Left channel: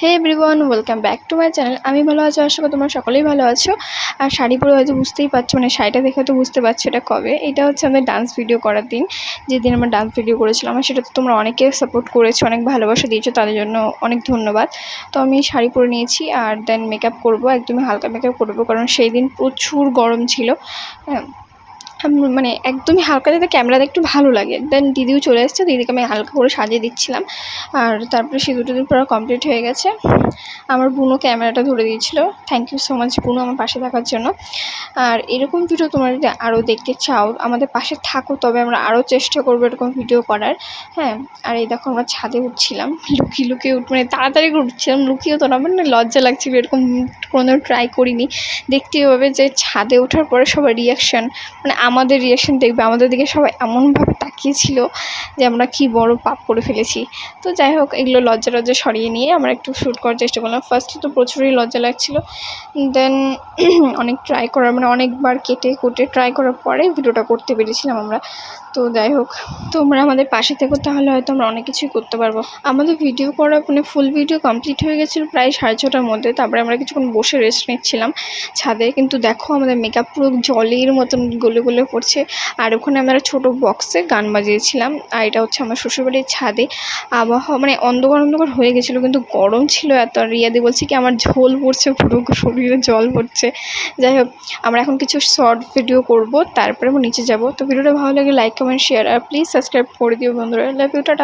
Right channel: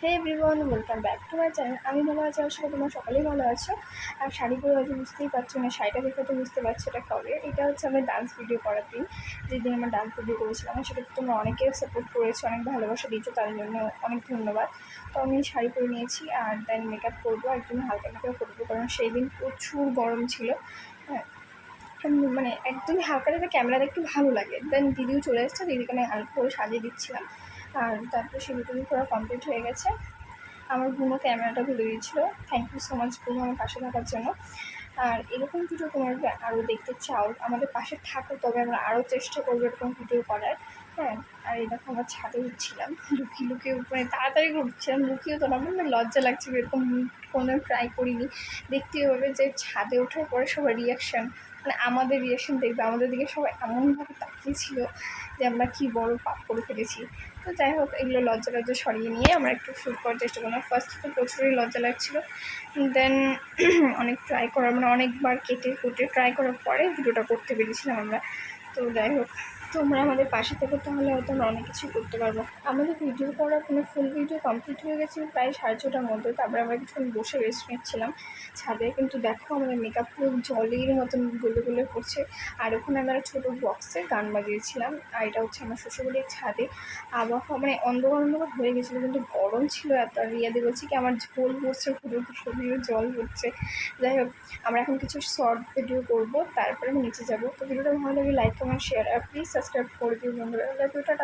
Hey everyone welcome back to my channel আমি ভালো আছো, আশা করি তোমরা সকলেই ভালো আছো। আর শাড়ি পরে হয়তো বুঝতেই পারছ মানে শাড়িটা দেখে হয়তো বুঝতে পারছ এটা কবে। এটা হচ্ছে আমাদের ডান্স ভিডিও করার দিন। যেদিন আমরা ডান্স ভিডিও করেছিলাম, আর সেটা তো তোমরা অনেকে সাপোর্ট করেছ, অনেক ভালোবাসা দিয়েছ, তাদের জন্য অনেক ধন্যবাদ। তো আমি শাড়ি পরে নিয়েছি, আর দেন মেকআপ করব, একদমই হালকা মেকআপ করব, কারণ সেই দিন প্রচুর গরম ছিল। হ্যাঁ। মানে একদমই হালকা যাতে ক্যামেরাতে একটু ভালো লাগে। দেন দিদিও চলে এসেছে, দিদিকে আমি হালকা করে সাজিয়ে দিচ্ছিলাম। আর তারপরে সিঁদুর টিঁদুর পুরো কমপ্লিট হয়ে গেছে। আমার বুনো ক্যামেরাটা ধরে দিয়েছিল। থ্যাংক ইউ সো মাচ বুনো, আমার পাশে থাকার জন্য। আর এরকম ভিডিও তোমরা যদি আরও দেখতে চাও, আমাদের পাশে থাকো, তবে আমরা আরও চেষ্টা করব এরকম ভিডিও করার। হ্যাঁ আর এই দেখো আমরা ছাদে উঠছিলাম। লুকিয়ে লুকিয়ে উঠ মানে তাড়াতাড়ি করে উঠছিলাম। লুকিয়ে তো না মানে লজ্জা লাগছিল, এরকম কোনো ট্রাই করিনি। দেখতে হবে যে ছাদে ওঠার পরে সবার রিয়াকশান মানে আমাদের রিয়াকশন দেখবে, আমাদের দিকে সবাই এমনভাবে তাকিয়েছিল যে আমরা কি বড় পাপ করে ফেলেছি। তো যাই হোক, এগুলো লজ্জা লজ্জা সরিয়ে নিয়ে আমরা একটু শ্যুট করার চেষ্টা করলাম। ফার্স্টে তো প্রচুরই লজ্জা লাগছিল। দেন অনেক ট্রাই করার মানে অনেকবার কেটে কুটে ট্রাই করার পরে ভিডিওটা করতে পেরেছিলাম আমরা। তো যাই হোক, তোমরা আমাদের পাশে থেকো, তাহলে হয়তো আমরা অনেক কিছুই করতে পারব। আমাদের ভিডিও করা মানে ফুল ভিডিও কমপ্লিট হয়ে গেছিল প্রায় সাড়ে ছটার মধ্যে, তারপরে আমরা কিছুক্ষণ বসে রেস্ট নিচ্ছিলাম ছাদে। কিন্তু দেখো, আমাদের মেকআপ পুরো জলের মতন গলে গলে পড়ছে। আর ওখানে আমরা ছোটো বক্সে গান বাজিয়েছিলাম, আর এটা হচ্ছে আমার শ্বশুরবাড়ির ছাদে। আবহাওয়া মানে অন্ধকার অন্ধকার হয়ে গেছিল, কিন্তু গরম ছিল এত রিয়াদি বলছে কি, আমার ঝোল পড়ছে, পুরো শরীরে জল পড়ছে। যাই হোক, আমরা এখন কিছু শর্ট ভিডিও করব, তারপরে নিচে যাব। তো ভিডিওটা ভালো লাগে লাইক কমেন্ট শেয়ার আর প্লিজ সাবস্ক্রাইব করে দিও বন্ধুরা। Love you tata.